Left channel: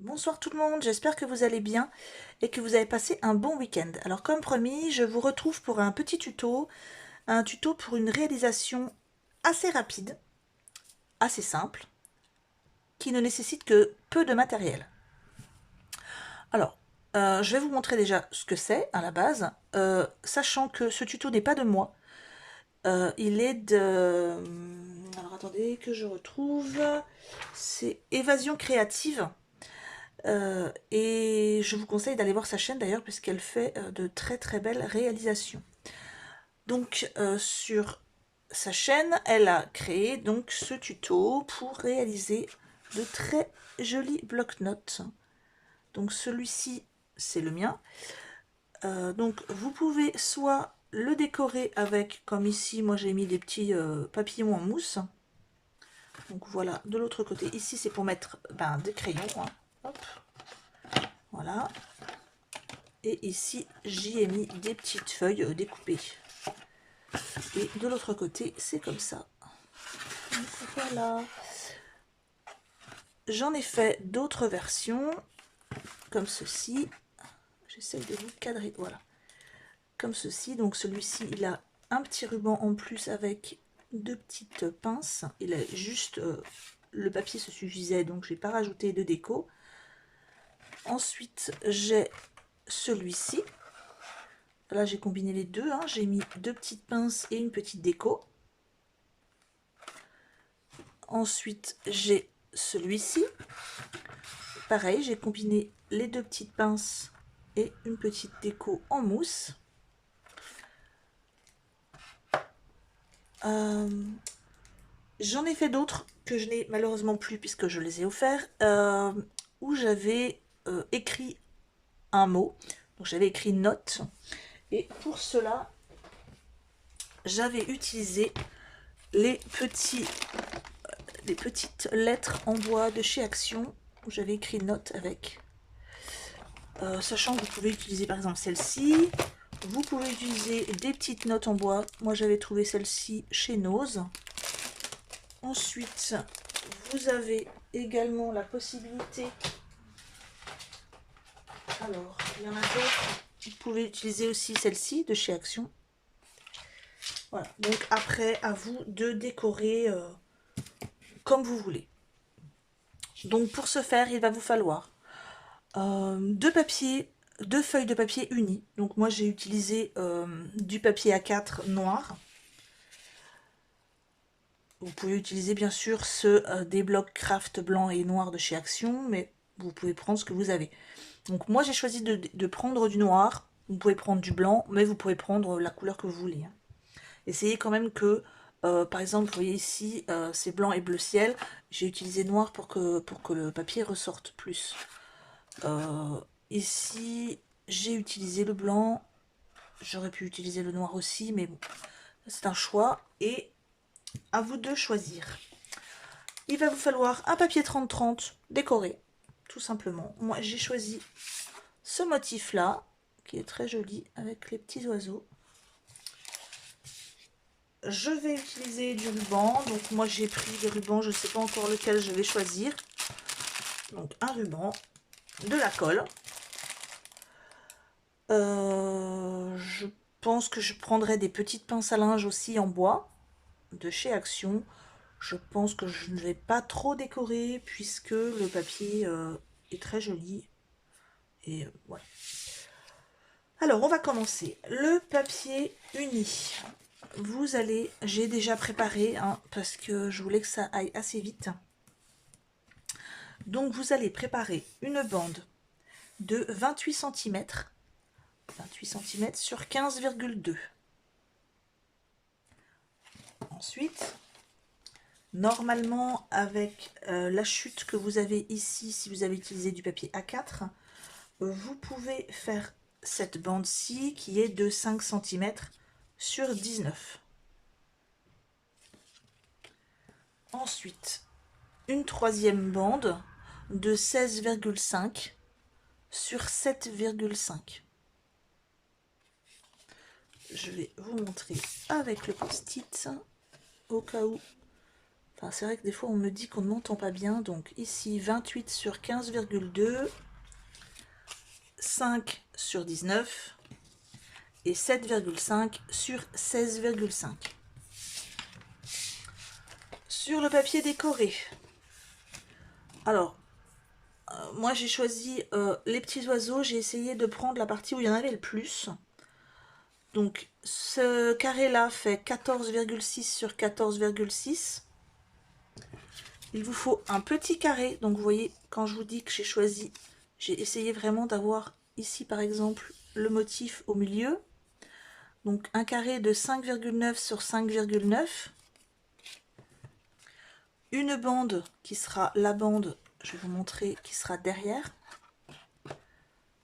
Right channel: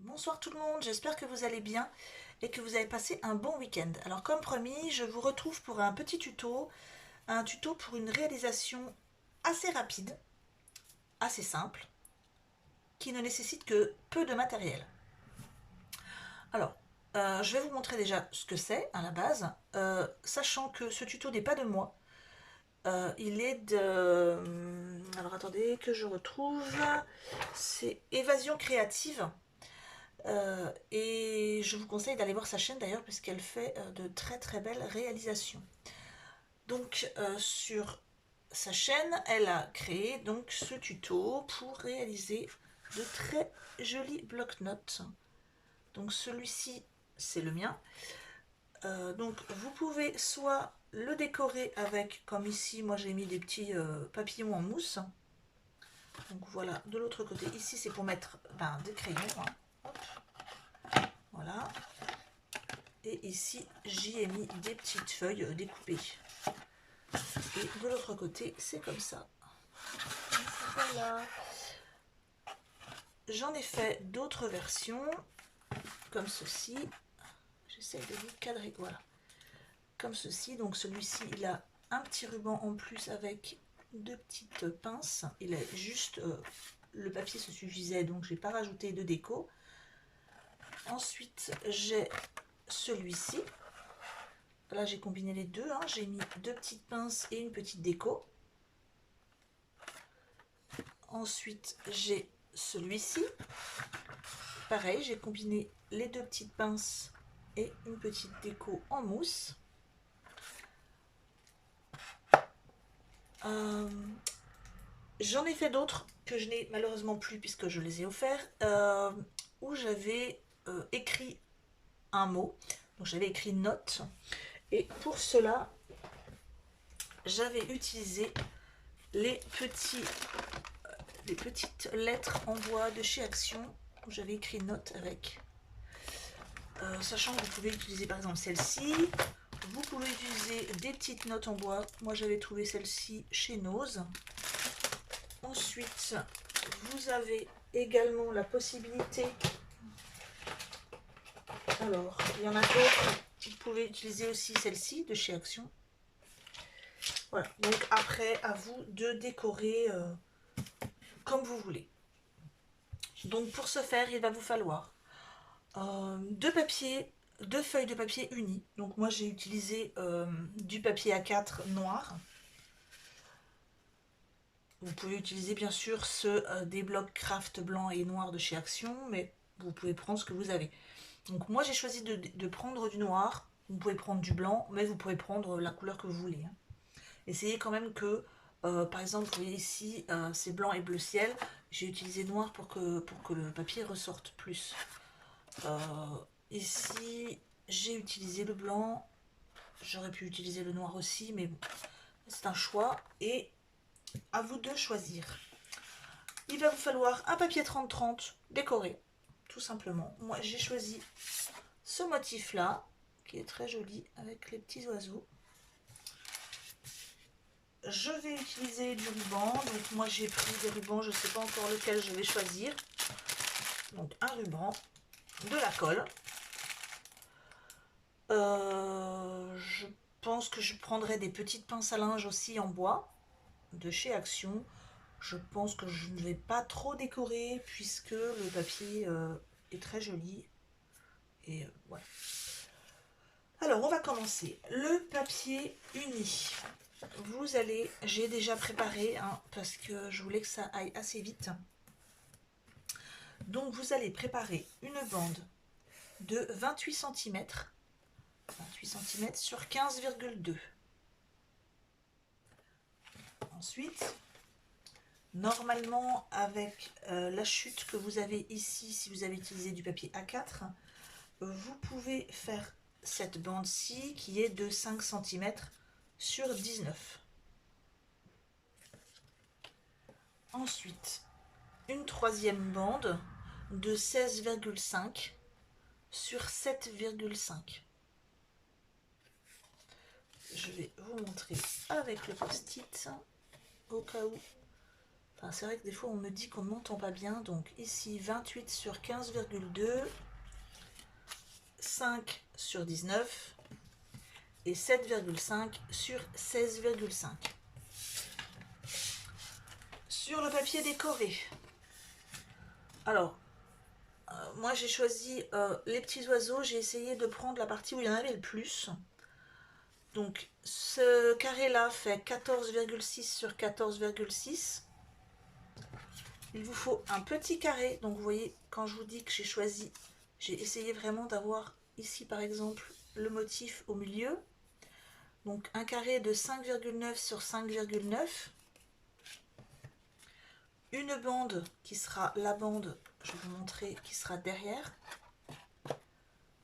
Bonsoir tout le monde, j'espère que vous allez bien et que vous avez passé un bon week-end. Alors comme promis, je vous retrouve pour un tuto pour une réalisation assez rapide, assez simple, qui ne nécessite que peu de matériel. Alors, je vais vous montrer déjà ce que c'est à la base, sachant que ce tuto n'est pas de moi. Il est de... Alors attendez que je retrouve. C'est Évasion créative. Et je vous conseille d'aller voir sa chaîne d'ailleurs puisqu'elle fait de très très belles réalisations. Donc sur sa chaîne, elle a créé donc ce tuto pour réaliser de très jolis blocs-notes. Donc celui-ci, c'est le mien. Donc vous pouvez soit le décorer avec, comme ici, moi j'ai mis des petits papillons en mousse. Donc voilà, de l'autre côté, ici c'est pour mettre des crayons. Hein. Hop, voilà. Et ici, j'y ai mis des petites feuilles découpées. Et de l'autre côté, c'est comme ça. Donc, voilà. J'en ai fait d'autres versions, comme ceci. J'essaye de vous cadrer. Voilà. Comme ceci. Donc celui-ci, il a un petit ruban en plus avec deux petites pinces. Il a juste... le papier se suffisait, donc je n'ai pas rajouté de déco. Ensuite, j'ai celui-ci. Là, j'ai combiné les deux. Hein. J'ai mis deux petites pinces et une petite déco. Ensuite, j'ai celui-ci. Pareil, j'ai combiné les deux petites pinces et une petite déco en mousse. J'en ai fait d'autres que je n'ai malheureusement plus puisque je les ai offerts, où j'avais écrit un mot. Donc j'avais écrit note. Et pour cela, j'avais utilisé les petites lettres en bois de chez Action. Où j'avais écrit note avec. Sachant que vous pouvez utiliser par exemple celle-ci. Vous pouvez utiliser des petites notes en bois. Moi j'avais trouvé celle-ci chez Nose. Ensuite, vous avez également la possibilité. Alors, il y en a d'autres. Vous pouvez utiliser aussi celle-ci de chez Action. Voilà. Donc après, à vous de décorer comme vous voulez. Donc pour ce faire, il va vous falloir deux feuilles de papier unies. Donc moi j'ai utilisé du papier A4 noir. Vous pouvez utiliser bien sûr ceux des blocs craft blanc et noir de chez Action, mais vous pouvez prendre ce que vous avez. Donc moi j'ai choisi de prendre du noir. Vous pouvez prendre du blanc, mais vous pouvez prendre la couleur que vous voulez. Hein. Essayez quand même que, par exemple, vous voyez ici, c'est blanc et bleu ciel. J'ai utilisé noir pour que le papier ressorte plus. Ici, j'ai utilisé le blanc. J'aurais pu utiliser le noir aussi, mais bon, c'est un choix. Et à vous de choisir. Il va vous falloir un papier 30-30 décoré, tout simplement. Moi, j'ai choisi ce motif-là, qui est très joli, avec les petits oiseaux. Je vais utiliser du ruban. Donc moi, j'ai pris des rubans, je ne sais pas encore lequel je vais choisir. Donc un ruban, de la colle. Je pense que je prendrai des petites pinces à linge aussi en bois, de chez Action. Je pense que je ne vais pas trop décorer puisque le papier est très joli. Et ouais. Alors, on va commencer. Le papier uni. Vous allez, j'ai déjà préparé hein, parce que je voulais que ça aille assez vite. Donc, vous allez préparer une bande de 28 cm. 28 cm sur 15,2. Ensuite, normalement, avec la chute que vous avez ici, si vous avez utilisé du papier A4, vous pouvez faire cette bande-ci qui est de 5 cm sur 19. Ensuite, une troisième bande de 16,5 sur 7,5. Je vais vous montrer avec le post-it au cas où Enfin, c'est vrai que des fois on me dit qu'on ne m'entend pas bien. Donc ici 28 sur 15,2, 5 sur 19 et 7,5 sur 16,5. Sur le papier décoré. Alors, moi j'ai choisi les petits oiseaux. J'ai essayé de prendre la partie où il y en avait le plus. Donc ce carré là fait 14,6 sur 14,6. Il vous faut un petit carré. Donc vous voyez, quand je vous dis que j'ai essayé vraiment d'avoir ici par exemple le motif au milieu. Donc un carré de 5,9 sur 5,9. Une bande qui sera la bande, je vais vous montrer, qui sera derrière.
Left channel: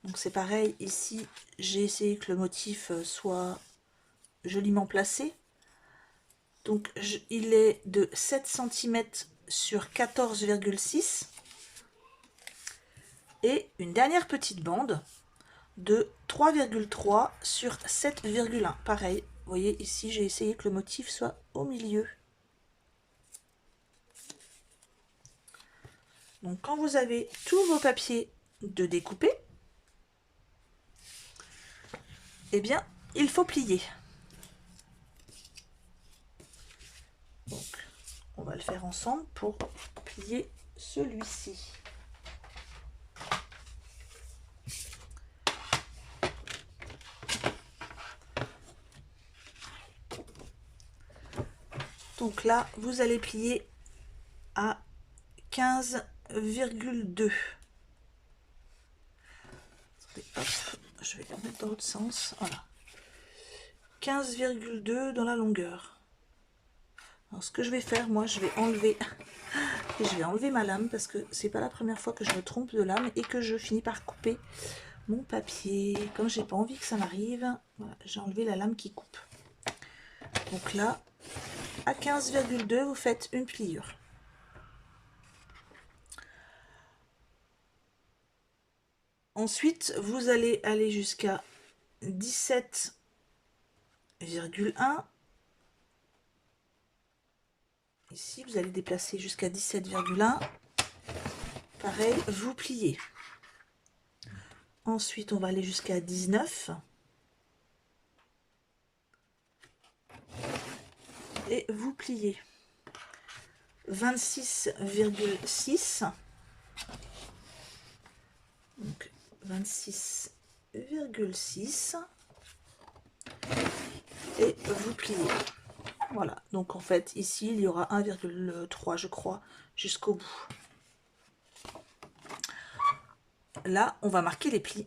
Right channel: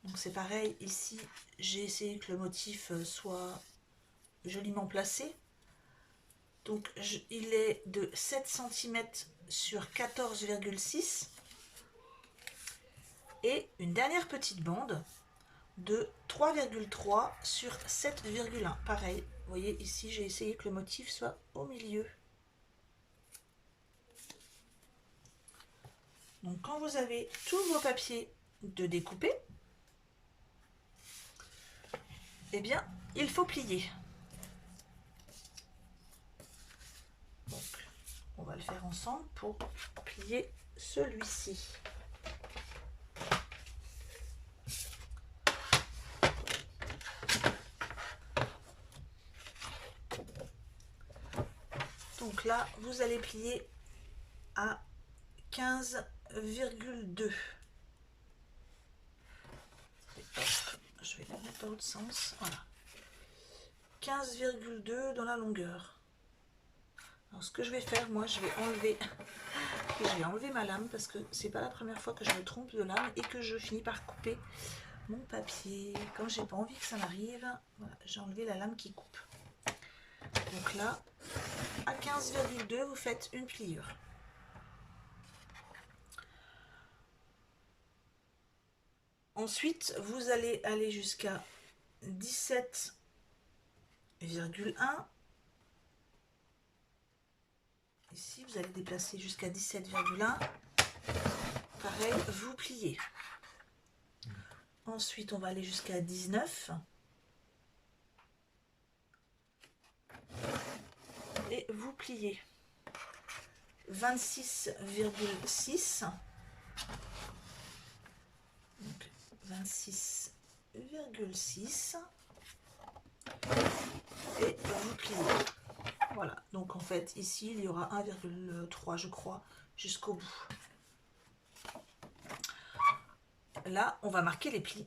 Donc c'est pareil, ici j'ai essayé que le motif soit joliment placé. Donc il est de 7 cm sur 14,6. Et une dernière petite bande de 3,3 sur 7,1. Pareil, vous voyez ici j'ai essayé que le motif soit au milieu. Donc quand vous avez tous vos papiers de découper, eh bien il faut plier. Donc on va le faire ensemble pour plier celui-ci. Donc là vous allez plier à 15,2. Je vais la mettre dans l'autre sens. Voilà. 15,2 dans la longueur. Alors, ce que je vais faire, moi, je vais enlever ma lame parce que c'est pas la première fois que je me trompe de lame et que je finis par couper mon papier. Comme j'ai pas envie que ça m'arrive, voilà, j'ai enlevé la lame qui coupe. Donc là, à 15,2, vous faites une pliure. Ensuite, vous allez aller jusqu'à 17,1. Ici, vous allez déplacer jusqu'à 17,1. Pareil, vous pliez. Ensuite, on va aller jusqu'à 19. Et vous pliez. 26,6. Donc 26,6. Et vous pliez. Voilà, donc en fait ici il y aura 1,3 je crois jusqu'au bout. Là on va marquer les plis.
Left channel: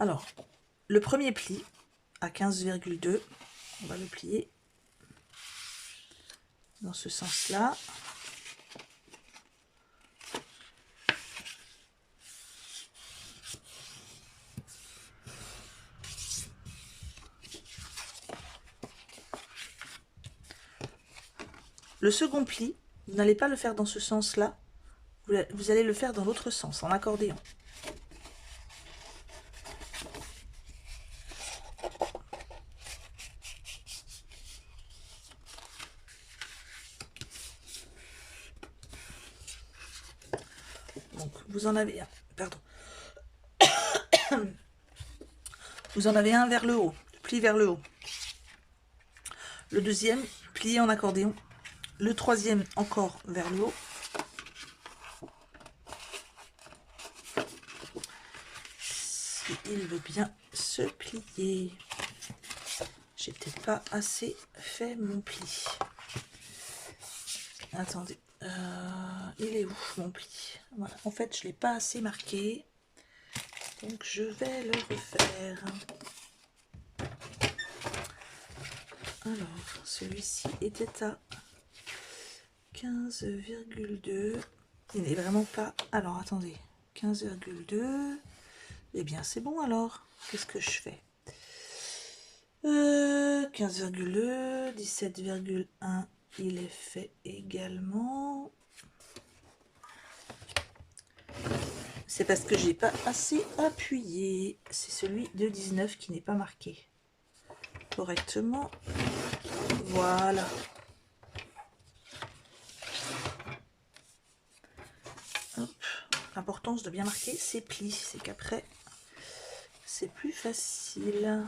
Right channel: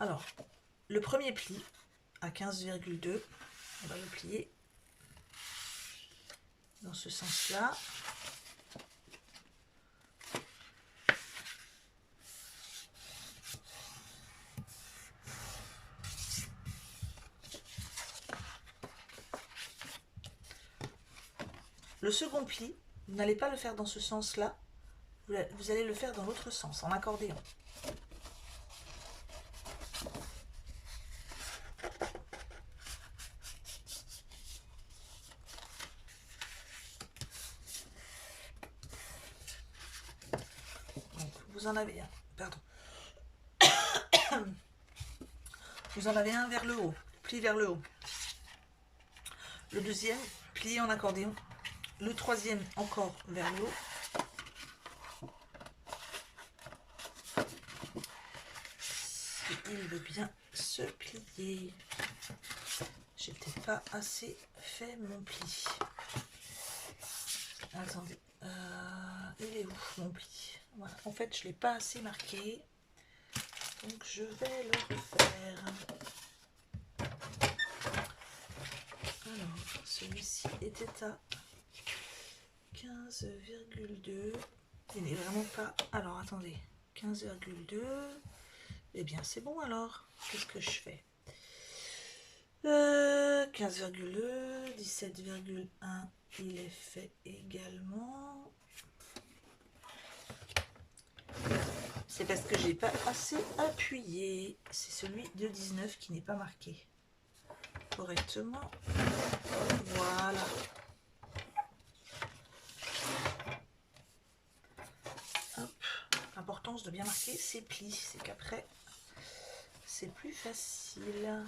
Alors le premier pli à 15,2, on va le plier dans ce sens là. Le second pli, vous n'allez pas le faire dans ce sens-là, vous allez le faire dans l'autre sens, en accordéon. Donc vous en avez un, pardon. Vous en avez un vers le haut, pli vers le haut. Le deuxième, plié en accordéon. Le troisième, encore vers le haut. Si il veut bien se plier. J'ai peut-être pas assez fait mon pli. Attendez, il est où mon pli? Voilà. En fait, je ne l'ai pas assez marqué. Donc, je vais le refaire. Alors, celui-ci était à 15,2. Il n'est vraiment pas... Alors, attendez. 15,2. Eh bien, c'est bon alors. Qu'est-ce que je fais 15,2. 17,1. Il est fait également. C'est parce que j'ai pas assez appuyé. C'est celui de 19 qui n'est pas marqué. correctement. Voilà. L'importance de bien marquer ses plis, c'est qu'après, c'est plus facile.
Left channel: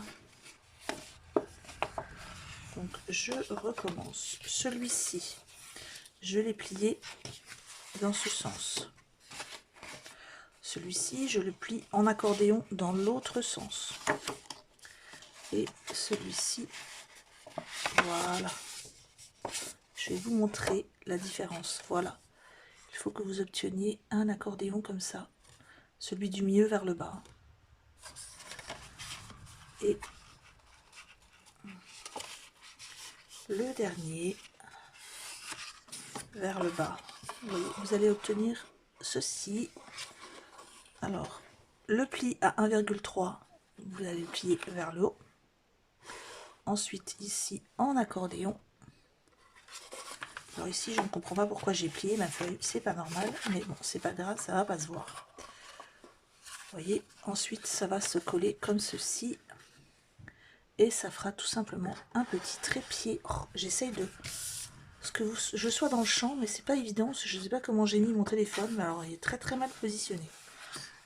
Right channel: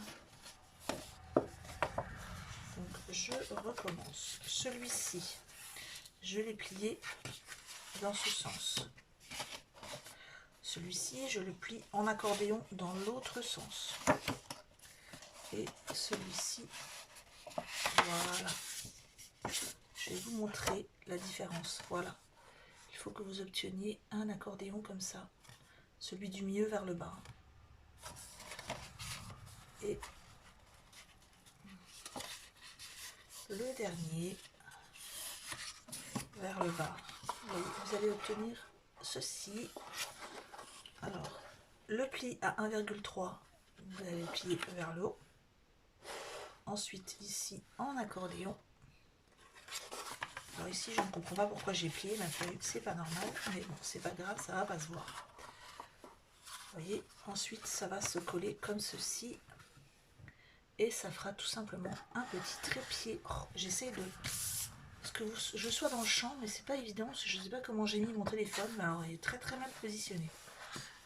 Donc, je recommence. Celui-ci, je l'ai plié dans ce sens. Celui-ci, je le plie en accordéon dans l'autre sens. Et celui-ci, voilà. Je vais vous montrer la différence. Voilà. Il faut que vous obteniez un accordéon comme ça. Celui du milieu vers le bas. Et le dernier vers le bas. Et vous allez obtenir ceci. Alors, le pli à 1,3, vous allez le plier vers le haut. Ensuite, ici, en accordéon. Alors ici, je ne comprends pas pourquoi j'ai plié ma feuille. C'est pas normal, mais bon, c'est pas grave, ça va pas se voir. Vous voyez, ensuite, ça va se coller comme ceci. Et ça fera tout simplement un petit trépied. Oh, j'essaye de... Parce que je sois dans le champ, mais c'est pas évident. Je ne sais pas comment j'ai mis mon téléphone, mais alors il est très très mal positionné.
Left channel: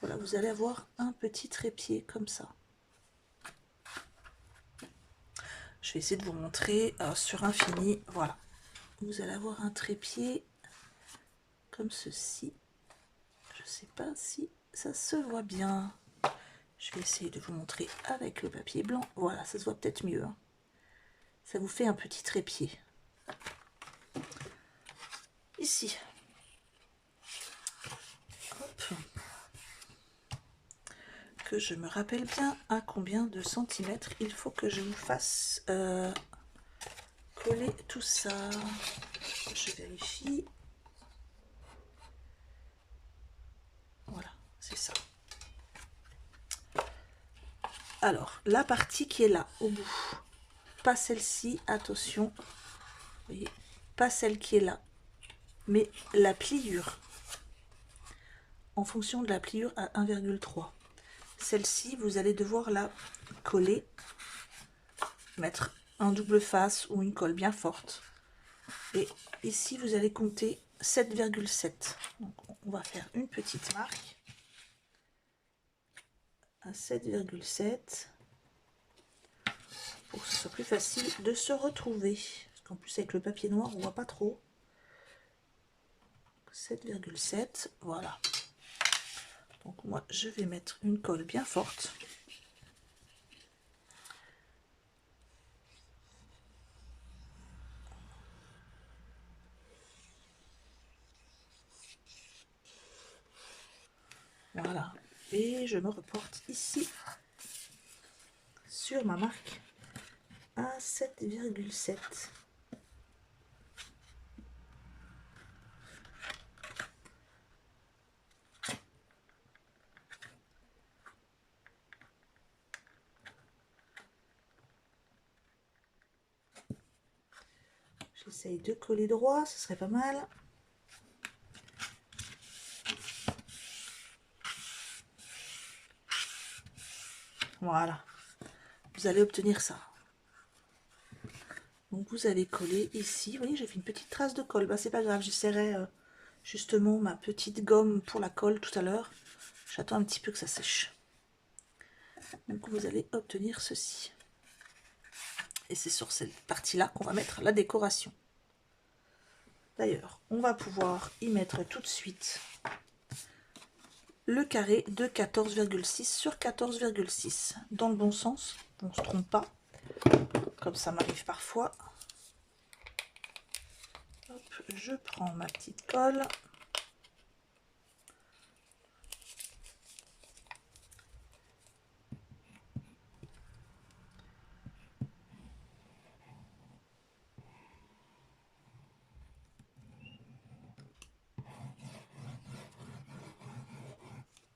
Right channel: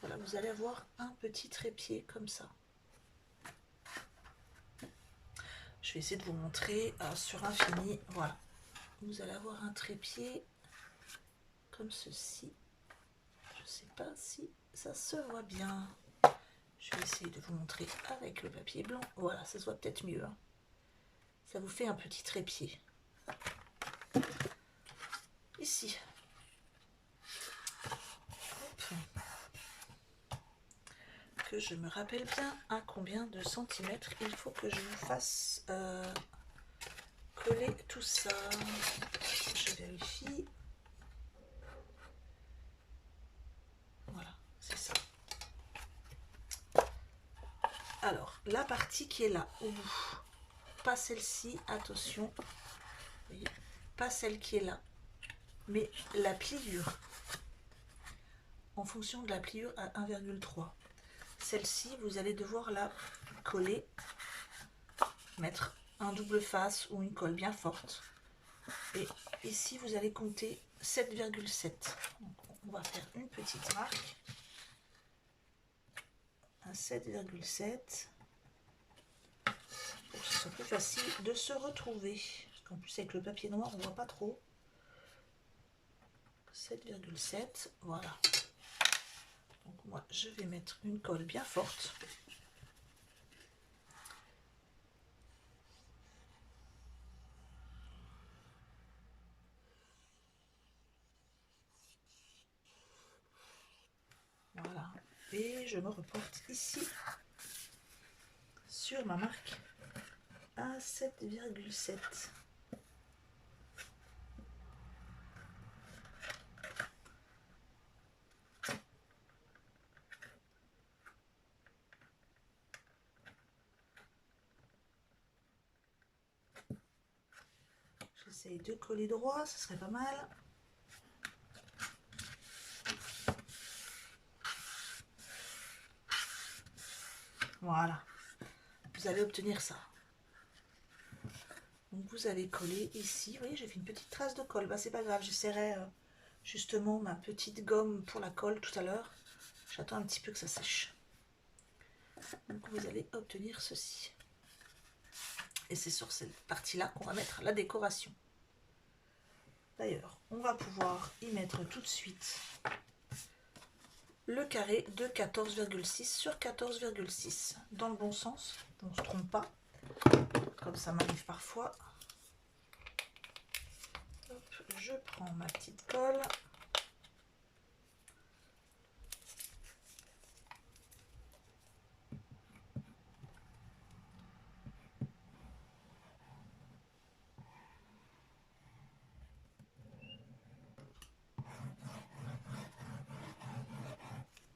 Voilà, vous allez avoir un petit trépied comme ça. Je vais essayer de vous montrer sur un fini. Voilà. Vous allez avoir un trépied comme ceci. Je ne sais pas si ça se voit bien. Je vais essayer de vous montrer avec le papier blanc. Voilà, ça se voit peut-être mieux. Hein. Ça vous fait un petit trépied. Ici. Hop. Que je me rappelle bien à combien de centimètres il faut que je vous fasse coller tout ça. Je vérifie. Voilà, c'est ça. Alors, la partie qui est là, au bout, pas celle-ci, attention, vous voyez, pas celle qui est là, mais la pliure, en fonction de la pliure à 1,3. Celle-ci, vous allez devoir la coller, mettre un double face ou une colle bien forte. Et ici, vous allez compter 7,7. Donc, on va faire une petite marque. À 7,7 pour que ce soit plus facile de se retrouver. Parce qu'en plus, avec le papier noir, on ne voit pas trop. 7,7, voilà. Donc moi, je vais mettre une colle bien forte. Voilà. Et je me reporte ici sur ma marque à 7,7. J'essaye de coller droit, ce serait pas mal. Voilà. Vous allez obtenir ça. Donc vous allez coller ici. Vous voyez, j'ai fait une petite trace de colle. Bah, c'est pas grave, j'essaierai justement ma petite gomme pour la colle tout à l'heure. J'attends un petit peu que ça sèche. Donc vous allez obtenir ceci. Et c'est sur cette partie-là qu'on va mettre la décoration. D'ailleurs, on va pouvoir y mettre tout de suite le carré de 14,6 sur 14,6. Dans le bon sens, on ne se trompe pas, comme ça m'arrive parfois. Hop, je prends ma petite colle.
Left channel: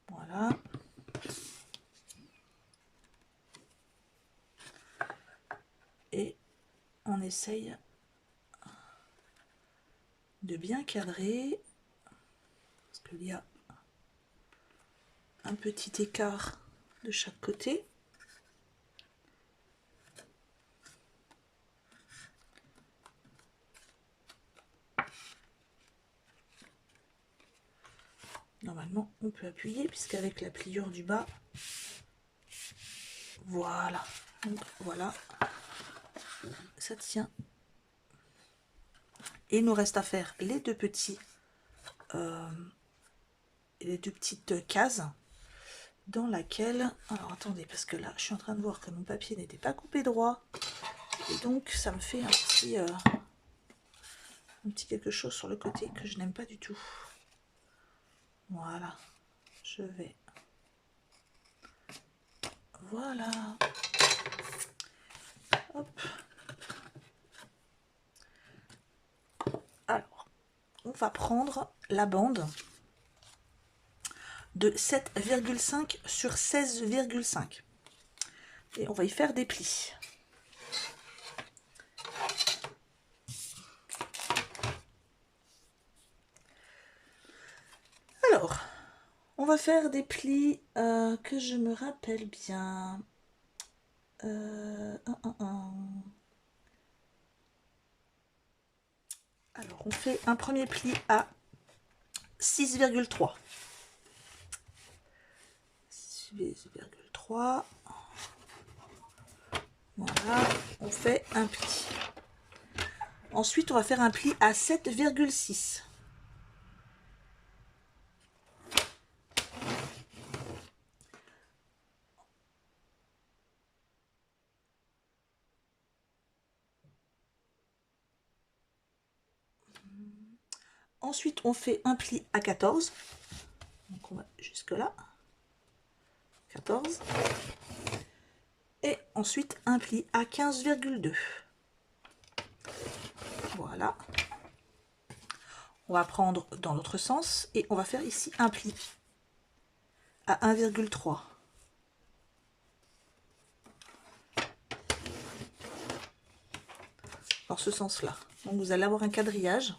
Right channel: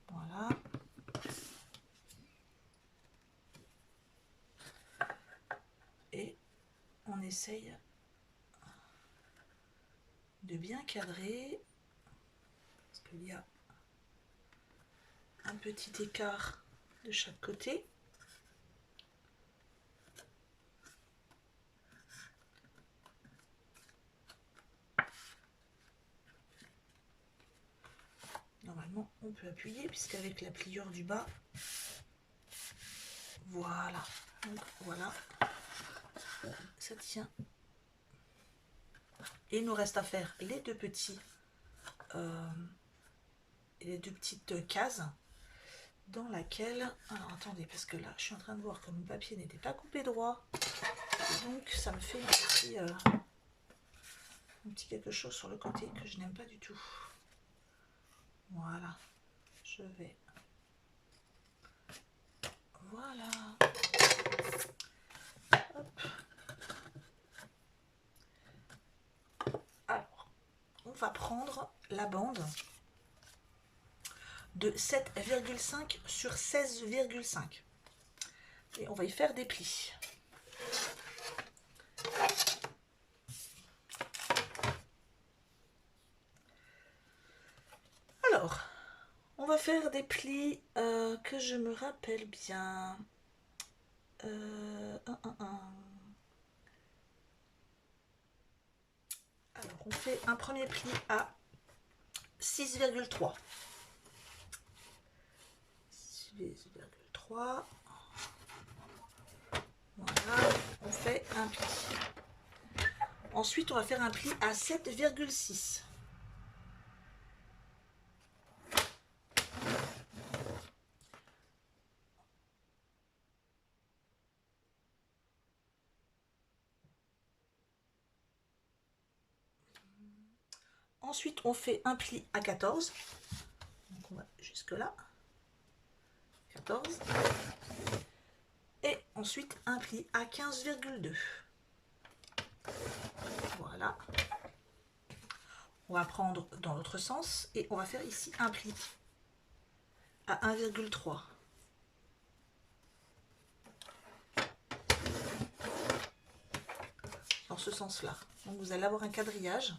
Voilà. Et on essaye de bien cadrer, parce qu'il y a un petit écart de chaque côté. normalement on peut appuyer puisqu'avec la pliure du bas, voilà, donc voilà, ça tient. Et il nous reste à faire les deux petites cases dans laquelle, alors attendez, parce que là je suis en train de voir que mon papier n'était pas coupé droit, et donc ça me fait un petit quelque chose sur le côté que je n'aime pas du tout. Voilà, je vais, voilà, hop. Alors, on va prendre la bande de 7,5 sur 16,5 et on va y faire des plis. Alors, on va faire des plis que je me rappelle bien. Alors, on fait un premier pli à 6,3. 6,3. Voilà, on fait un pli. Ensuite, on va faire un pli à 7,6. Ensuite, on fait un pli à 14. Donc, on va jusque là. 14. Et ensuite, un pli à 15,2. Voilà. On va prendre dans l'autre sens et on va faire ici un pli à 1,3. Dans ce sens-là. Donc vous allez avoir un quadrillage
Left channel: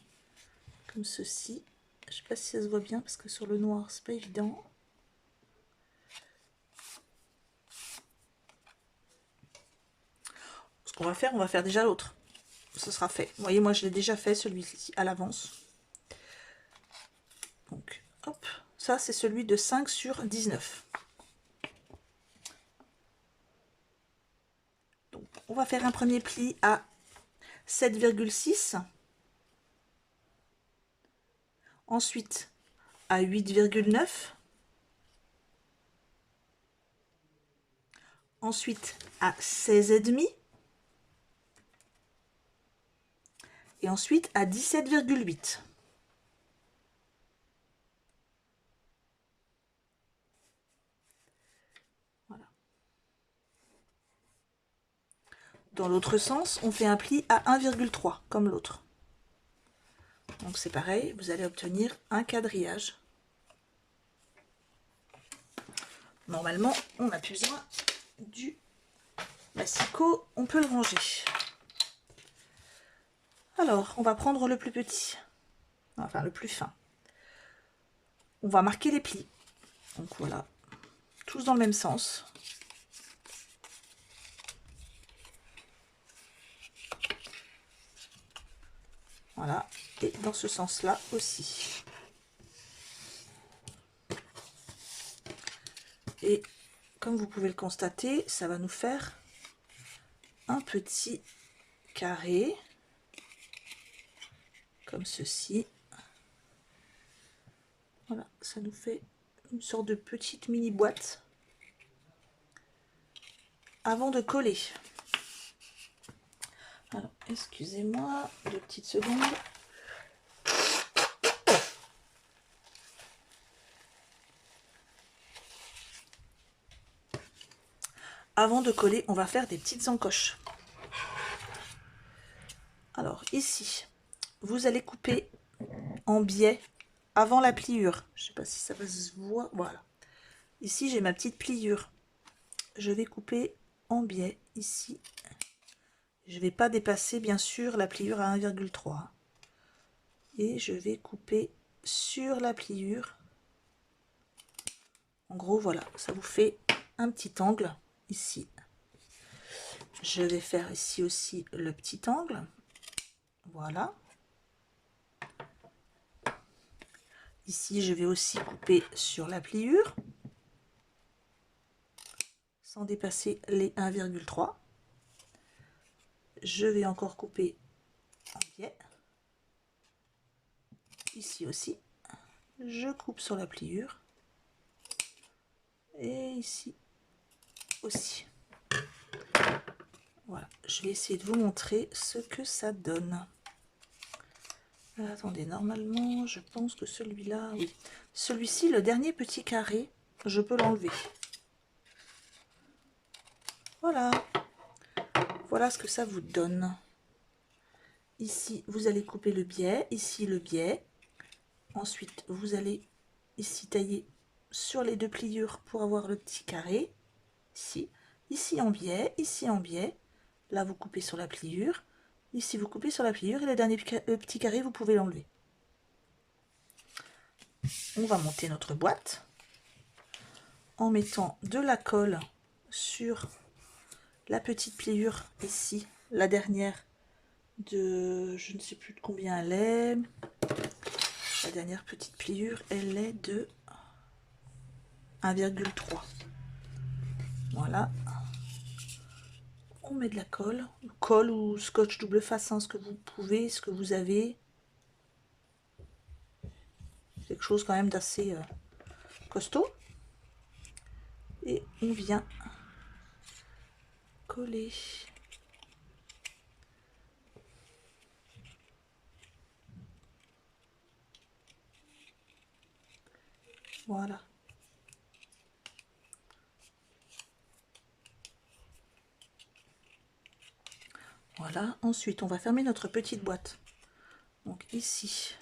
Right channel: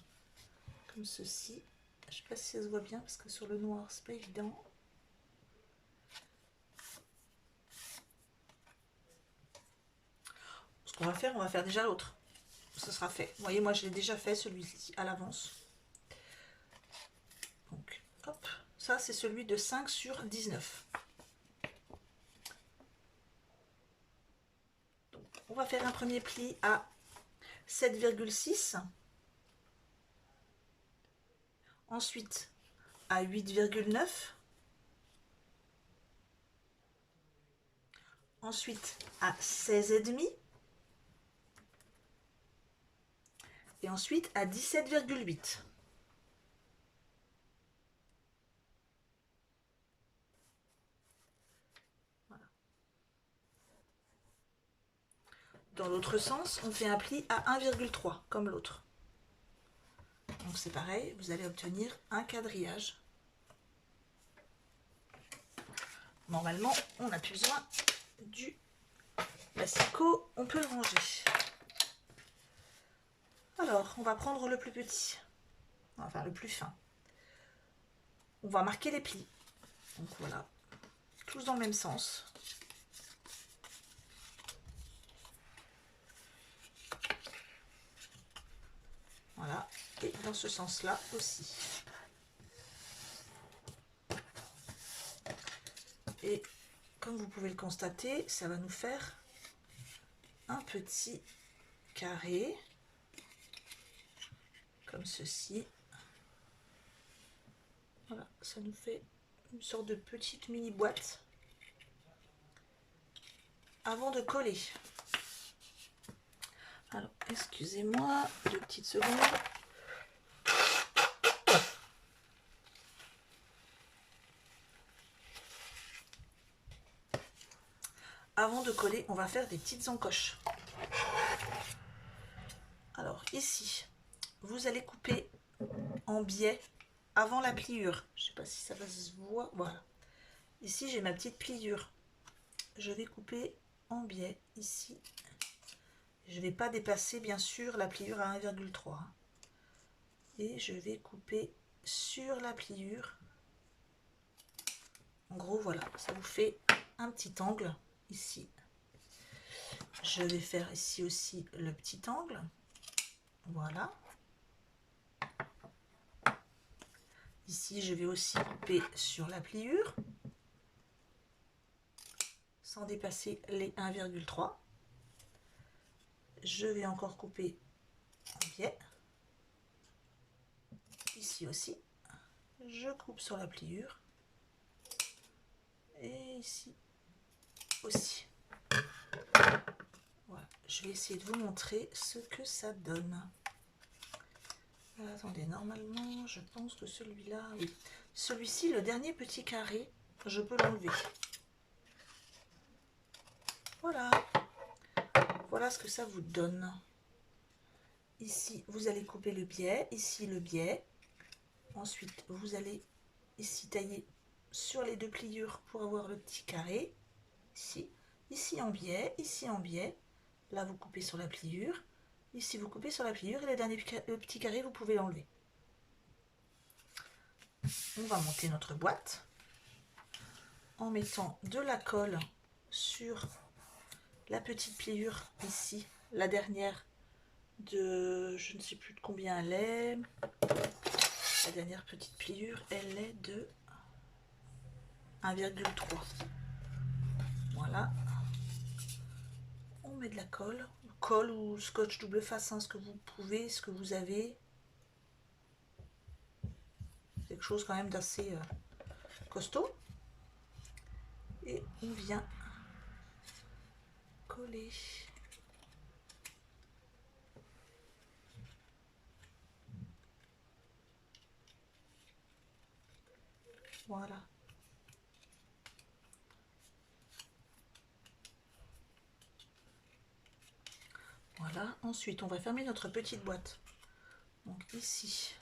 comme ceci. Je ne sais pas si ça se voit bien parce que sur le noir, c'est pas évident. Ce qu'on va faire, on va faire déjà l'autre. Ce sera fait. Vous voyez, moi je l'ai déjà fait celui-ci à l'avance. Donc, hop, ça c'est celui de 5 sur 19. Donc, on va faire un premier pli à 7,6. Ensuite, à 8,9. Ensuite, à 16,5. Et ensuite, à 17,8. Dans l'autre sens, on fait un pli à 1,3 comme l'autre. Donc c'est pareil, vous allez obtenir un quadrillage. Normalement, on n'a plus besoin du massicot, on peut le ranger. Alors, on va prendre le plus petit, enfin le plus fin. On va marquer les plis. Donc voilà, tous dans le même sens. Voilà, et dans ce sens-là aussi. Et comme vous pouvez le constater, ça va nous faire un petit carré, comme ceci. Voilà, ça nous fait une sorte de petite mini boîte avant de coller. Alors, excusez-moi, 2 petites secondes. Avant de coller, on va faire des petites encoches. Alors, ici, vous allez couper en biais avant la pliure. Je ne sais pas si ça va se voir. Voilà. Ici, j'ai ma petite pliure. Je vais couper en biais ici. Je ne vais pas dépasser, bien sûr, la pliure à 1,3. Et je vais couper sur la pliure. En gros, voilà, ça vous fait un petit angle ici. Je vais faire ici aussi le petit angle. Voilà. Ici, je vais aussi couper sur la pliure, sans dépasser les 1,3. Je vais encore couper en biais. Ici aussi, je coupe sur la pliure. Et ici aussi. Voilà, je vais essayer de vous montrer ce que ça donne. Attendez, normalement, je pense que celui-là, oui. Celui-ci, le dernier petit carré, je peux l'enlever. Voilà. Voilà ce que ça vous donne. Ici, vous allez couper le biais. Ici, le biais. Ensuite, vous allez ici tailler sur les deux pliures pour avoir le petit carré. Ici. Ici en biais. Ici en biais. Là, vous coupez sur la pliure. Ici, vous coupez sur la pliure. Et le dernier petit carré, vous pouvez l'enlever. On va monter notre boîte en mettant de la colle sur la petite pliure ici, la dernière de, je ne sais plus de combien elle est, la dernière petite pliure, elle est de 1,3. Voilà, on met de la colle ou scotch double face, hein, ce que vous pouvez, ce que vous avez, quelque chose quand même d'assez costaud, et on vient coller. Voilà. Voilà, ensuite on va fermer notre petite boîte. Donc ici,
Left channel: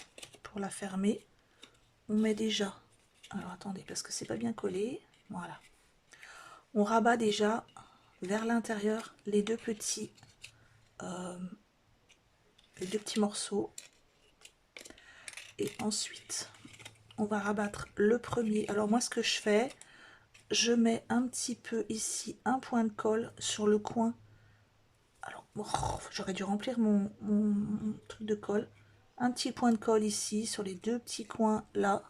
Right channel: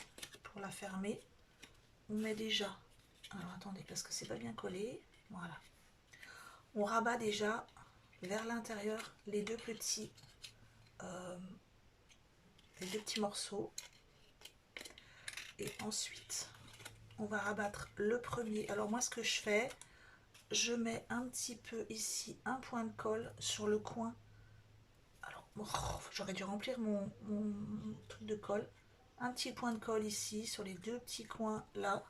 pour la fermer, on met déjà, alors attendez, parce que c'est pas bien collé, voilà. On rabat déjà vers l'intérieur les deux petits morceaux. Et ensuite, on va rabattre le premier. Alors moi, ce que je fais, je mets un petit peu ici, un point de colle sur le coin. Alors, oh, j'aurais dû remplir mon truc de colle. Un petit point de colle ici, sur les deux petits coins là.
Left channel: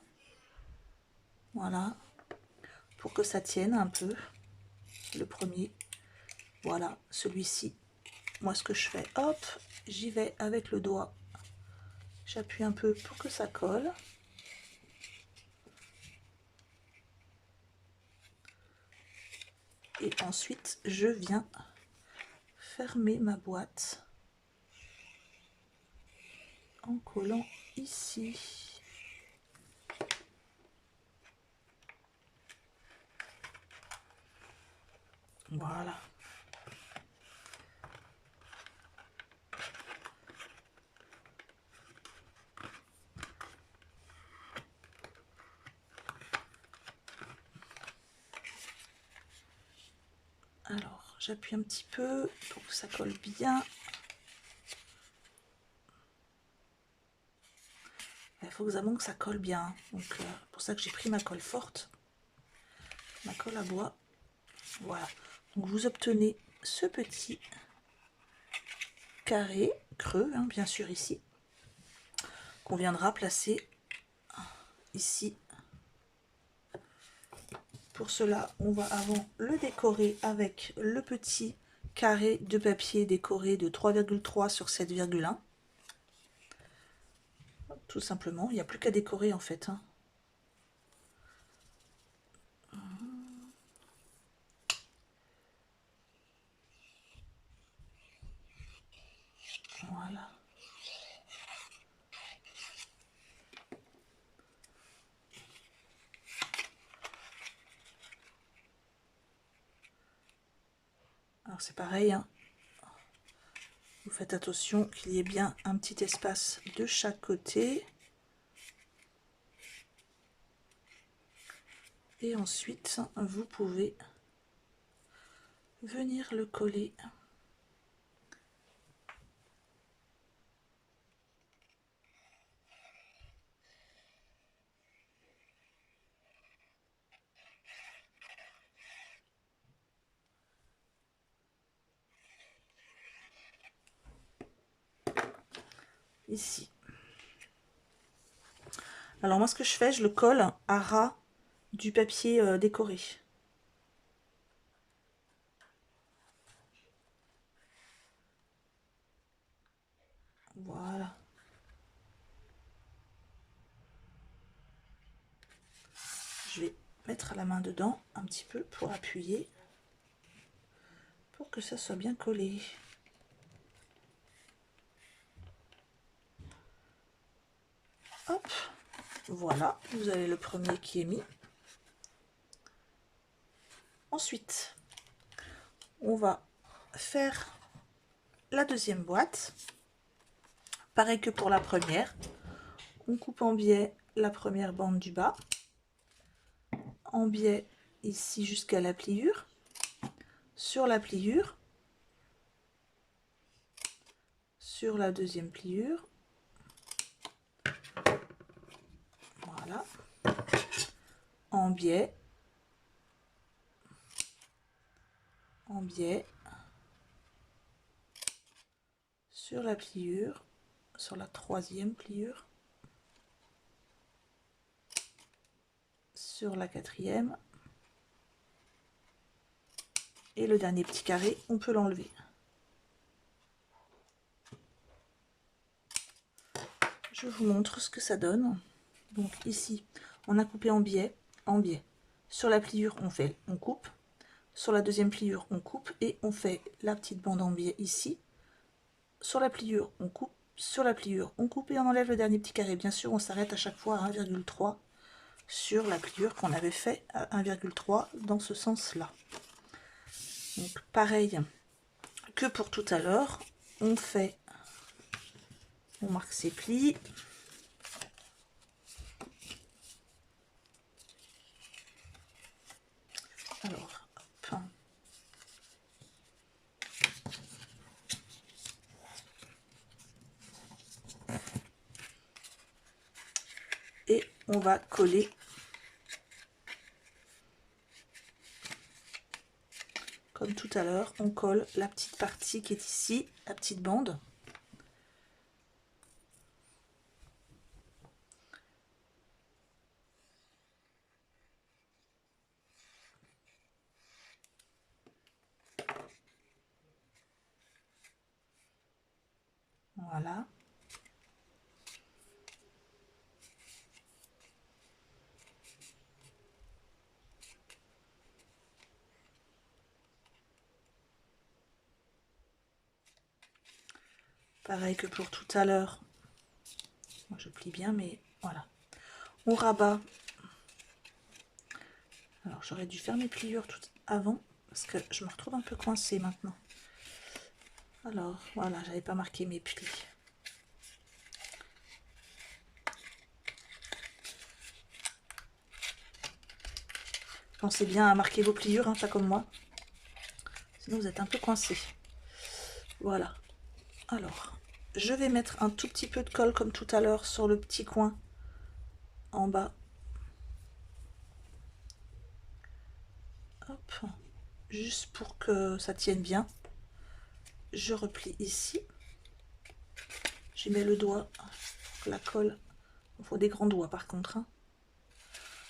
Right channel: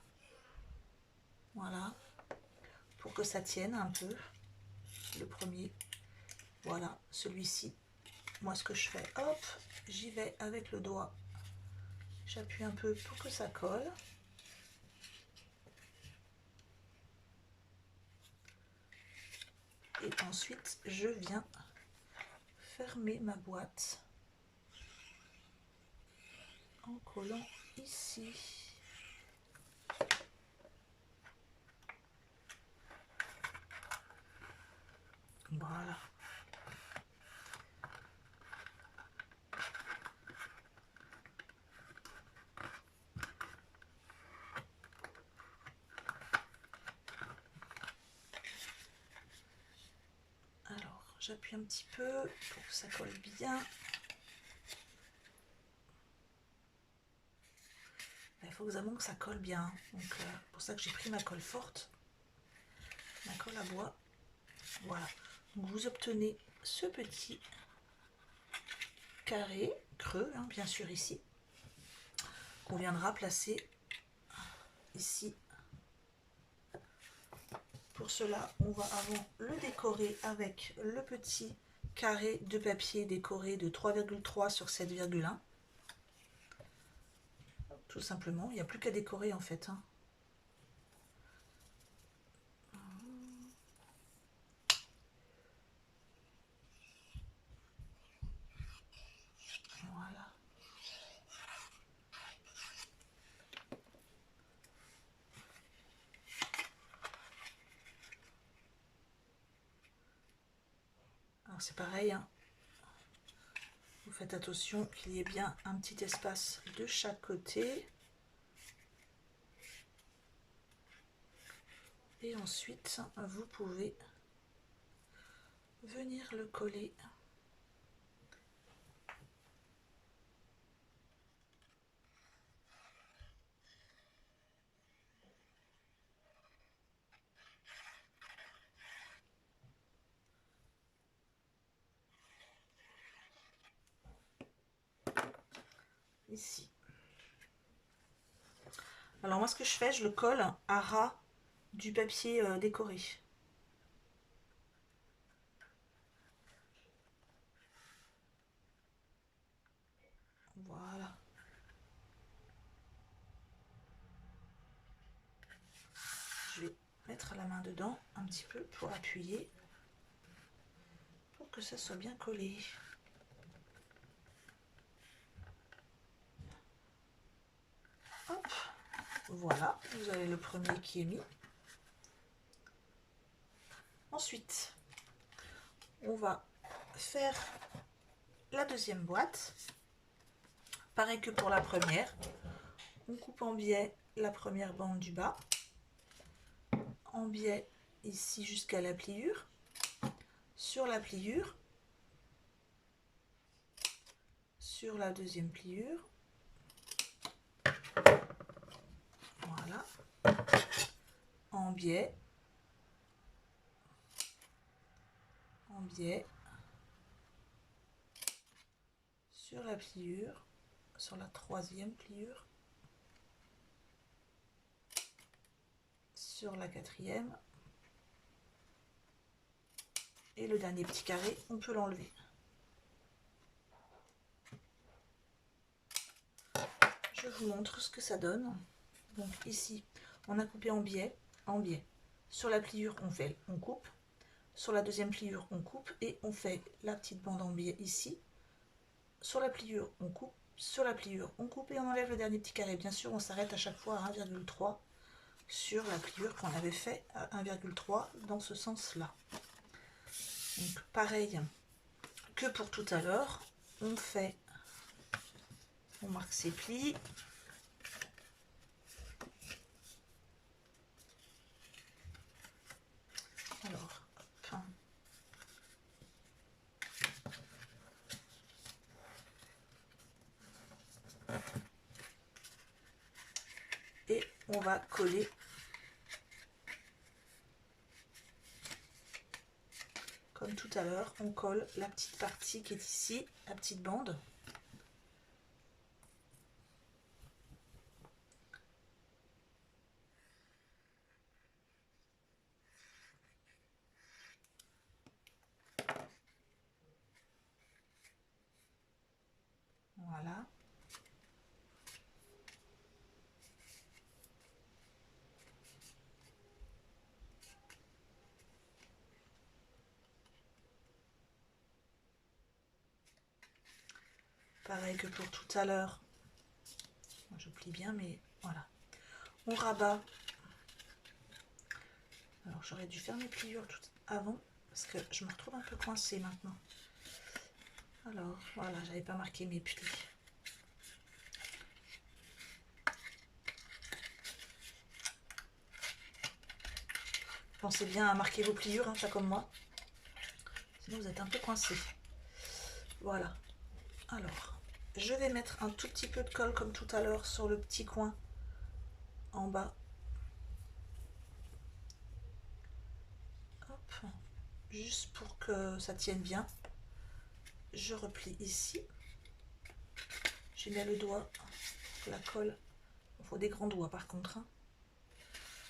Voilà. Pour que ça tienne un peu. Le premier. Voilà, celui-ci. Moi, ce que je fais, hop, j'y vais avec le doigt. J'appuie un peu pour que ça colle. Et ensuite, je viens fermer ma boîte en collant ici. Voilà. Alors, j'appuie un petit peu pour que ça colle bien. Il faut vraiment que ça colle bien. Donc, pour ça que j'ai pris ma colle forte. Ma colle à bois. Voilà. Donc, vous obtenez ce petit carré creux, hein, bien sûr ici, qu'on viendra placer ici. Pour cela, on va avant le décorer avec le petit carré de papier décoré de 3,3 sur 7,1. Tout simplement, il n'y a plus qu'à décorer en fait. Hein. Voilà. Alors c'est pareil, hein. Vous faites attention qu'il y ait bien un petit espace de chaque côté. Et ensuite, vous pouvez venir le coller. Ici. Alors moi ce que je fais, je le colle à ras du papier décoré. Voilà. Je vais mettre la main dedans un petit peu pour appuyer, pour que ça soit bien collé. Hop, voilà, vous avez le premier qui est mis. Ensuite, on va faire la deuxième boîte. Pareil que pour la première, on coupe en biais la première bande du bas, en biais ici jusqu'à la pliure, sur la pliure, sur la deuxième pliure, voilà, en biais, sur la pliure, sur la troisième pliure, sur la quatrième, et le dernier petit carré, on peut l'enlever. Je vous montre ce que ça donne. Donc ici, on a coupé en biais, Sur la pliure, on coupe. Sur la deuxième pliure, on coupe et on fait la petite bande en biais ici. Sur la pliure, on coupe. Sur la pliure, on coupe et on enlève le dernier petit carré. Bien sûr, on s'arrête à chaque fois à 1,3 sur la pliure qu'on avait fait à 1,3 dans ce sens-là. Donc pareil que pour tout à l'heure, on marque ses plis. Alors, hop. Et on va coller comme tout à l'heure, on colle la petite partie qui est ici, la petite bande. Voilà. Pareil que pour tout à l'heure. Je plie bien, mais voilà. On rabat. Alors j'aurais dû faire mes pliures tout avant, parce que je me retrouve un peu coincée maintenant. Alors voilà, j'avais pas marqué mes plis. Pensez bien à marquer vos pliures, hein, pas comme moi. Sinon vous êtes un peu coincé. Voilà. Alors, je vais mettre un tout petit peu de colle comme tout à l'heure sur le petit coin en bas. Hop. Juste pour que ça tienne bien. Je replie ici. J'y mets le doigt. La colle. Il faut des grands doigts par contre. Hein.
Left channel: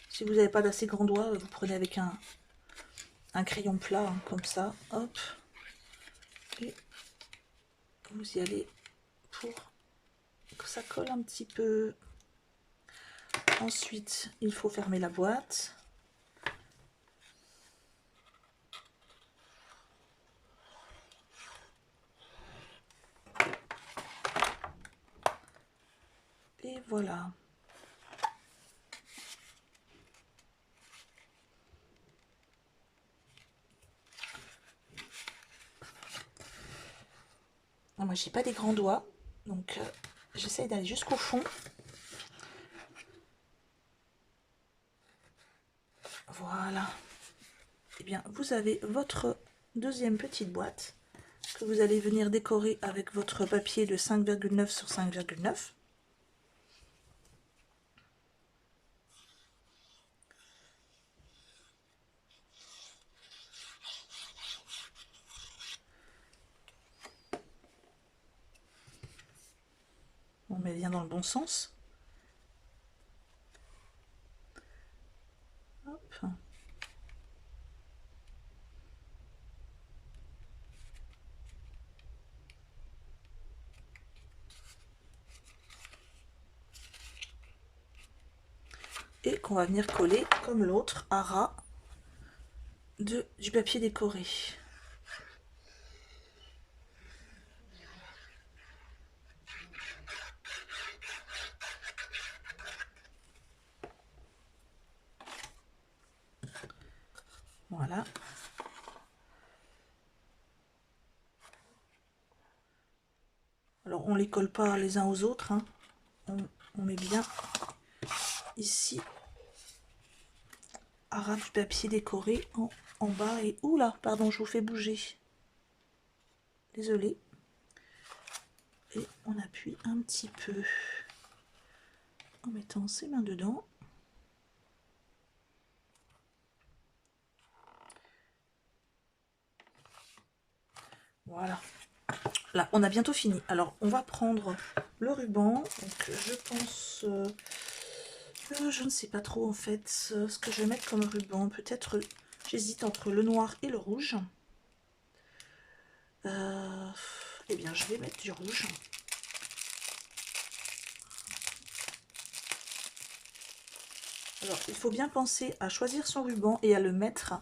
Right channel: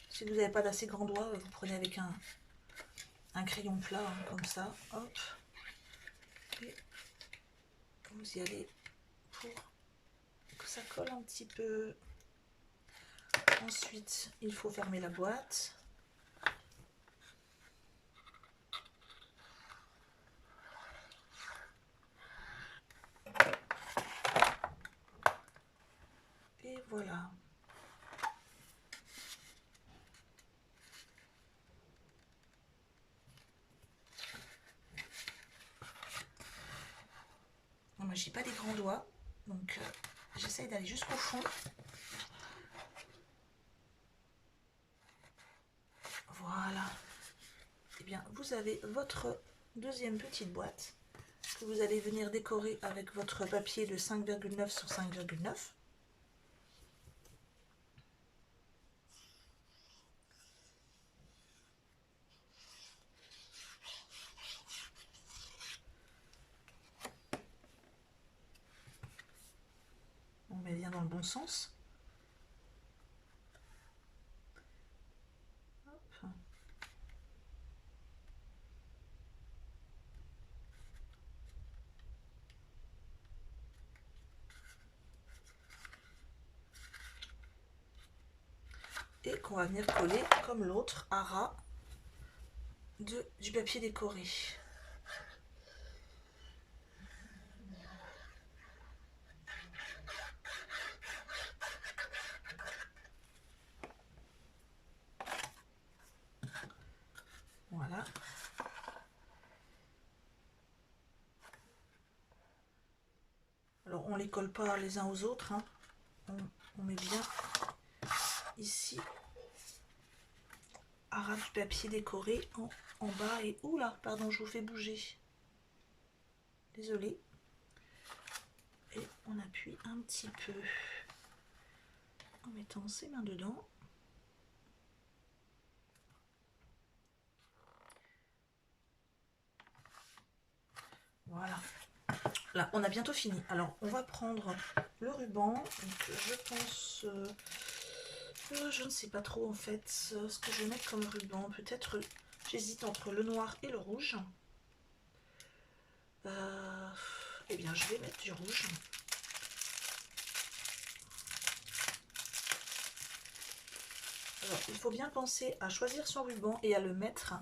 Si vous n'avez pas d'assez grands doigts, vous prenez avec un crayon plat, hein, comme ça. Hop. Et vous y allez pour que ça colle un petit peu. Ensuite, il faut fermer la boîte. Et voilà. Moi, j'ai pas des grands doigts, donc j'essaye d'aller jusqu'au fond. Voilà. Et bien, vous avez votre deuxième petite boîte que vous allez venir décorer avec votre papier de 5,9 sur 5,9. On met bien dans le bon sens. et qu'on va venir coller comme l'autre à ras du papier décoré. Voilà. Alors on les colle pas les uns aux autres, hein. On met bien ici à ras du papier décoré en bas et oula, pardon, je vous fais bouger. Désolée. Et on appuie un petit peu en mettant ses mains dedans. Voilà. Là, on a bientôt fini. Alors, on va prendre le ruban. Donc, je pense... je ne sais pas trop, en fait, ce que je vais mettre comme ruban. Peut-être, j'hésite entre le noir et le rouge. Eh bien, je vais mettre du rouge. Alors, il faut bien penser à choisir son ruban et à le mettre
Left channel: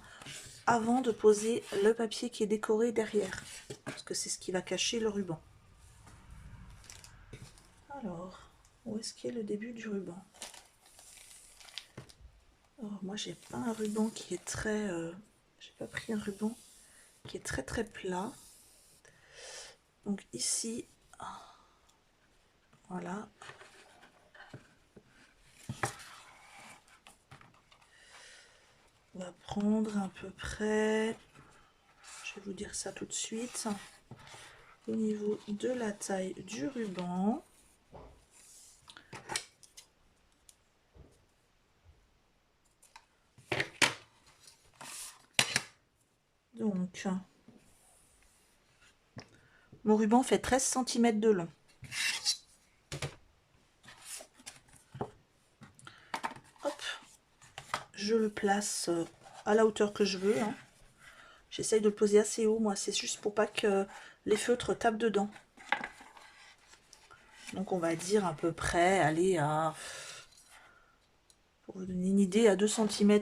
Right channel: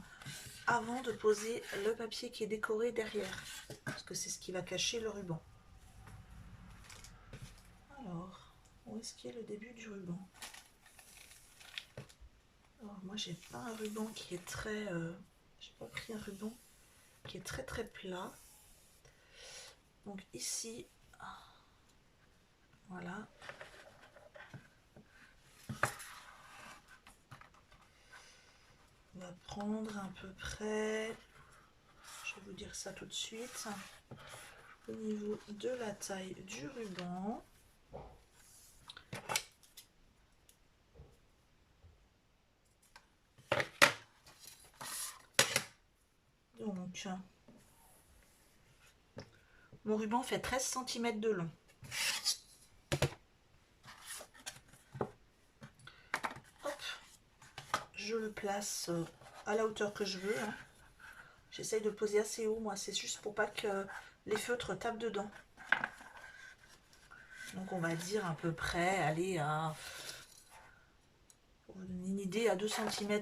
avant de poser le papier qui est décoré derrière, parce que c'est ce qui va cacher le ruban. Alors, où est-ce qu'il y a le début du ruban? Alors, moi, j'ai pas un ruban qui est très... j'ai pas pris un ruban qui est très très plat. Donc ici, voilà. On va prendre à peu près, je vais vous dire ça tout de suite, au niveau de la taille du ruban. Donc, mon ruban fait 13 cm de long. Hop, je le place à la hauteur que je veux, hein. J'essaye de le poser assez haut, moi, c'est juste pour pas que les feutres tapent dedans. Donc on va dire à peu près, aller à, pour vous donner une idée, à 2 cm,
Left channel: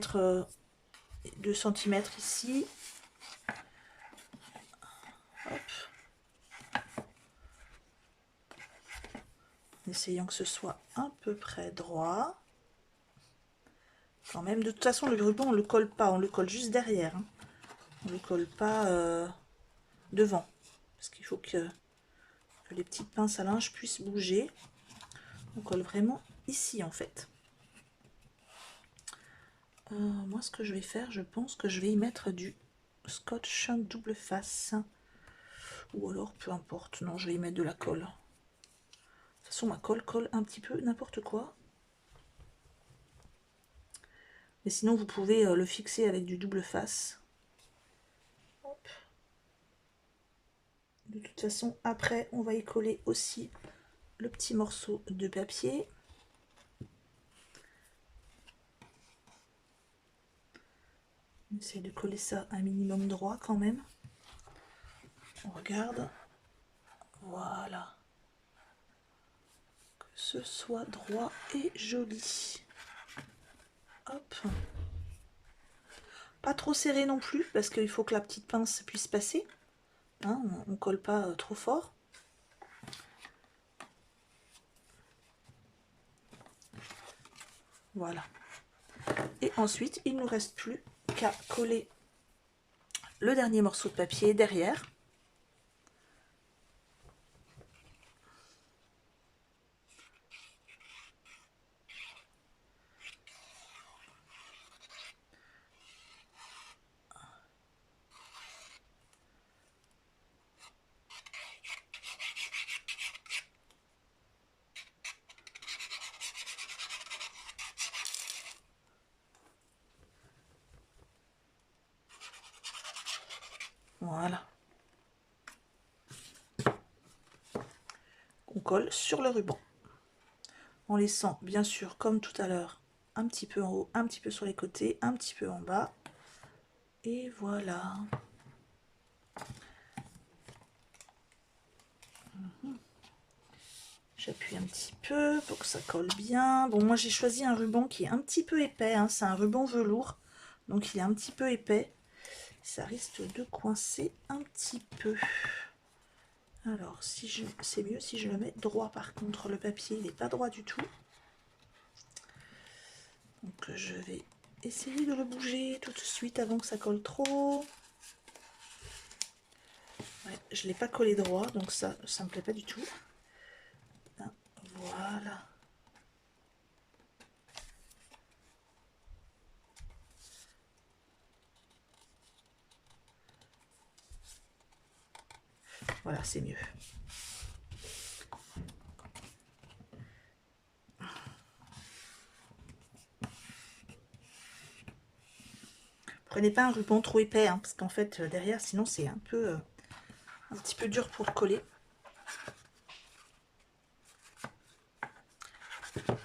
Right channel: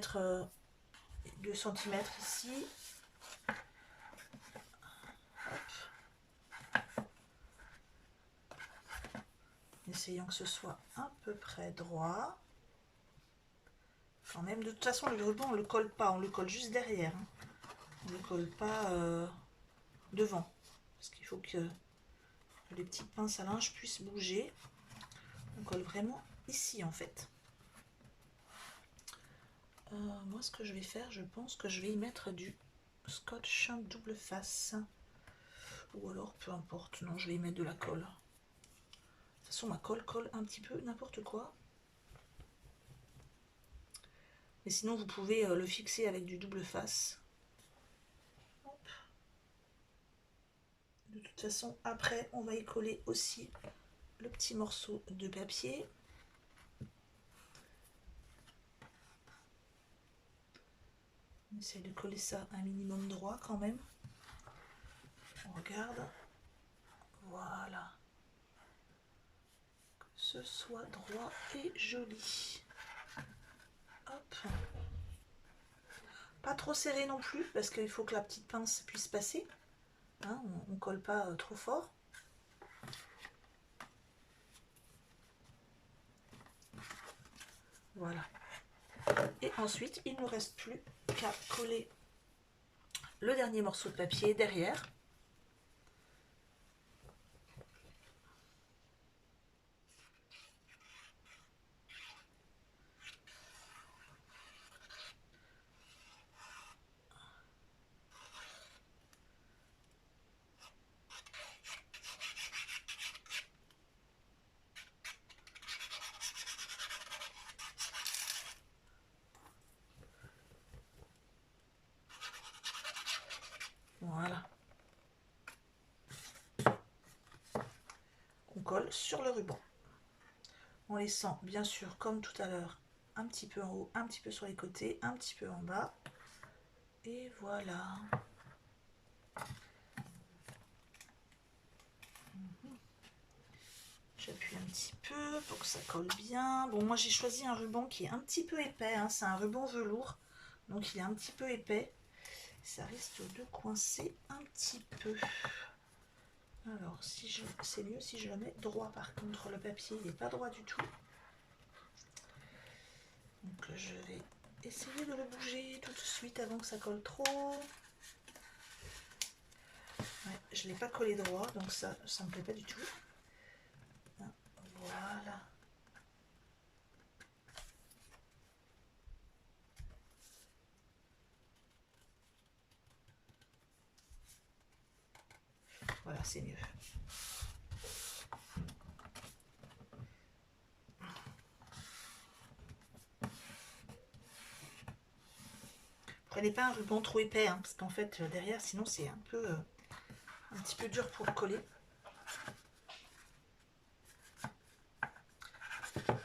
2 cm ici. Hop. En essayant que ce soit à peu près droit. Quand même, de toute façon, le ruban, on le colle pas, on le colle juste derrière, hein. On ne le colle pas devant. Parce qu'il faut que les petites pinces à linge puissent bouger. On colle vraiment ici, en fait. Moi, ce que je vais faire, je pense que je vais y mettre du scotch double face. Ou alors, peu importe. Non, je vais y mettre de la colle. De toute façon, ma colle colle un petit peu n'importe quoi. Mais sinon, vous pouvez le fixer avec du double face. Hop. De toute façon, après, on va y coller aussi le petit morceau de papier. On essaie de coller ça un minimum droit quand même. On regarde. Voilà. Que ce soit droit et joli. Hop. Pas trop serré non plus, parce qu'il faut que la petite pince puisse passer. Hein, on ne colle pas trop fort. Voilà. Et ensuite, il ne nous reste plus qu'à coller le dernier morceau de papier derrière. Voilà. On colle sur le ruban. En laissant, bien sûr, comme tout à l'heure, un petit peu en haut, un petit peu sur les côtés, un petit peu en bas. Et voilà. J'appuie un petit peu pour que ça colle bien. Bon, moi j'ai choisi un ruban qui est un petit peu épais, hein. C'est un ruban velours, donc il est un petit peu épais. Ça risque de coincer un petit peu. Alors, c'est mieux si je le mets droit. Par contre, le papier, il n'est pas droit du tout. Donc, je vais essayer de le bouger tout de suite avant que ça colle trop. Ouais, je ne l'ai pas collé droit, donc ça me plaît pas du tout. Voilà. Voilà, c'est mieux. Prenez pas un ruban trop épais, hein, parce qu'en fait, derrière, sinon, c'est un petit peu dur pour coller.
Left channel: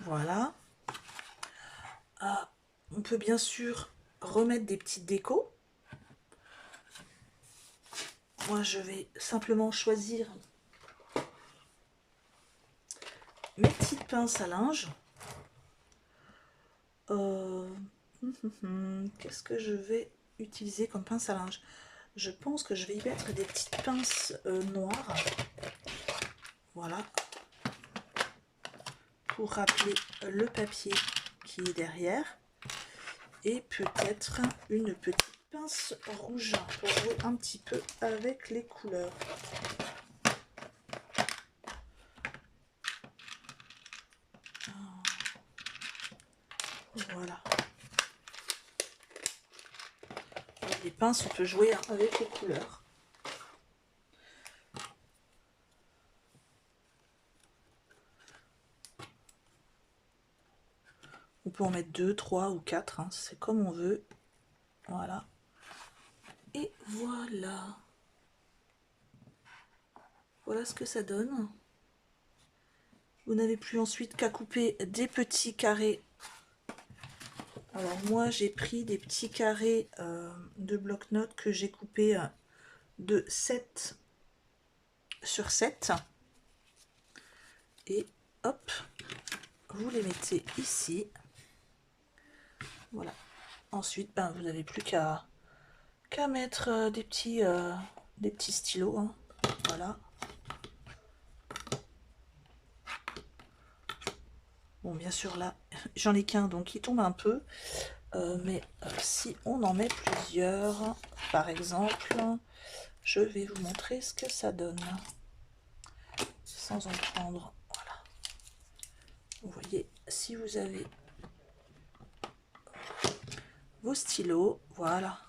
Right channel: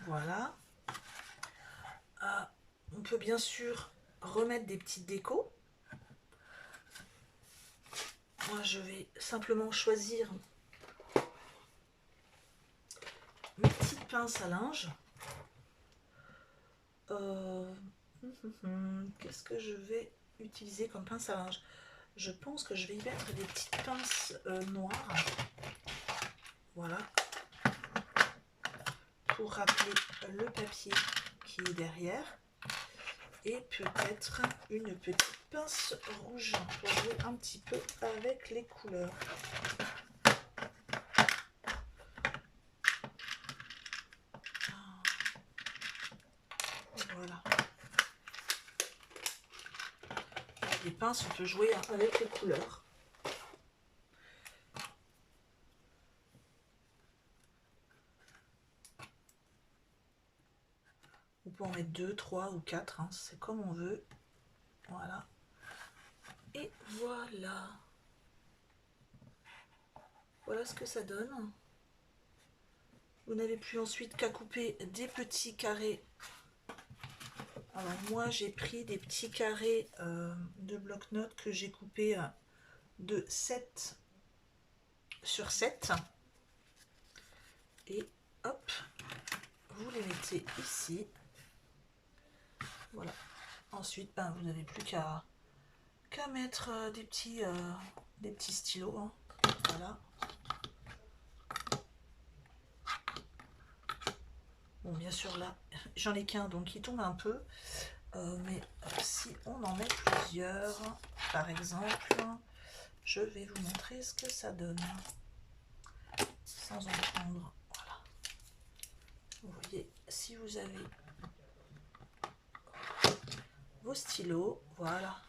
Voilà. On peut bien sûr remettre des petites décos. Moi, je vais simplement choisir mes petites pinces à linge. Qu'est-ce que je vais utiliser comme pince à linge? Je pense que je vais y mettre des petites pinces noires. Voilà. Pour rappeler le papier qui est derrière. Et peut-être une petite pince rouge pour jouer un petit peu avec les couleurs. Voilà. Les pinces, on peut jouer avec les couleurs. On peut en mettre 2, 3 ou 4, hein, c'est comme on veut. Voilà. Et voilà. Voilà ce que ça donne. Vous n'avez plus ensuite qu'à couper des petits carrés. Alors moi j'ai pris des petits carrés de bloc-notes que j'ai coupés de 7 sur 7. Et hop, vous les mettez ici. Voilà. Ensuite, ben, vous n'avez plus qu'à mettre des petits stylos. Hein. Voilà. Bon, bien sûr, là, j'en ai qu'un, donc il tombe un peu. Mais si on en met plusieurs, par exemple, je vais vous montrer ce que ça donne. Sans en prendre. Voilà. Vous voyez, si vous avez vos stylos, voilà.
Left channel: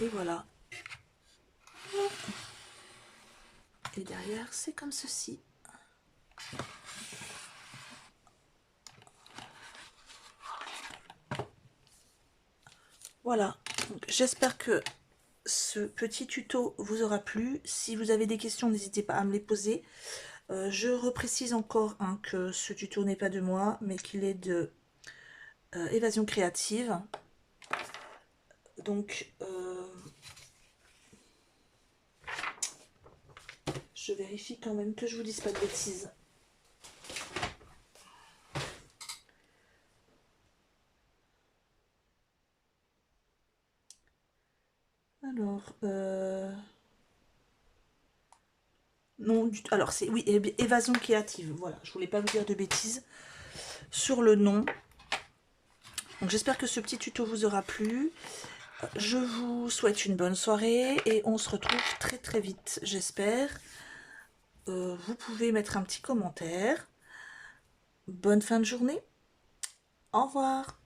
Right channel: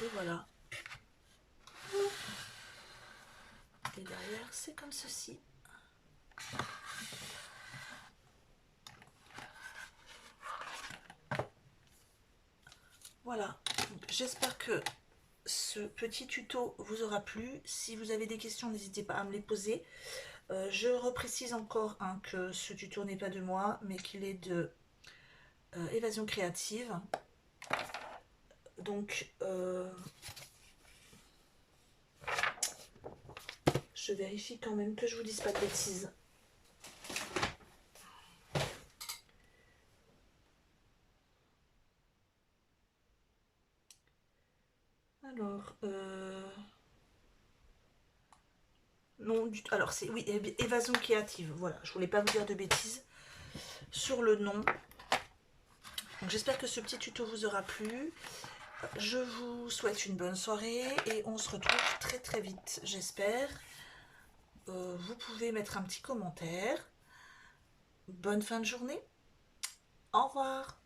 Et voilà. Et derrière, c'est comme ceci. Voilà, j'espère que ce petit tuto vous aura plu. Si vous avez des questions, n'hésitez pas à me les poser. Je reprécise encore hein, que ce tuto n'est pas de moi, mais qu'il est de Évasion Créative. Donc, je vérifie quand même que je vous dise pas de bêtises. Alors, non, alors c'est oui, Évasion Créative. Voilà, je voulais pas vous dire de bêtises sur le nom. Donc j'espère que ce petit tuto vous aura plu. Je vous souhaite une bonne soirée et on se retrouve très très vite, j'espère. Vous pouvez mettre un petit commentaire. Bonne fin de journée. Au revoir.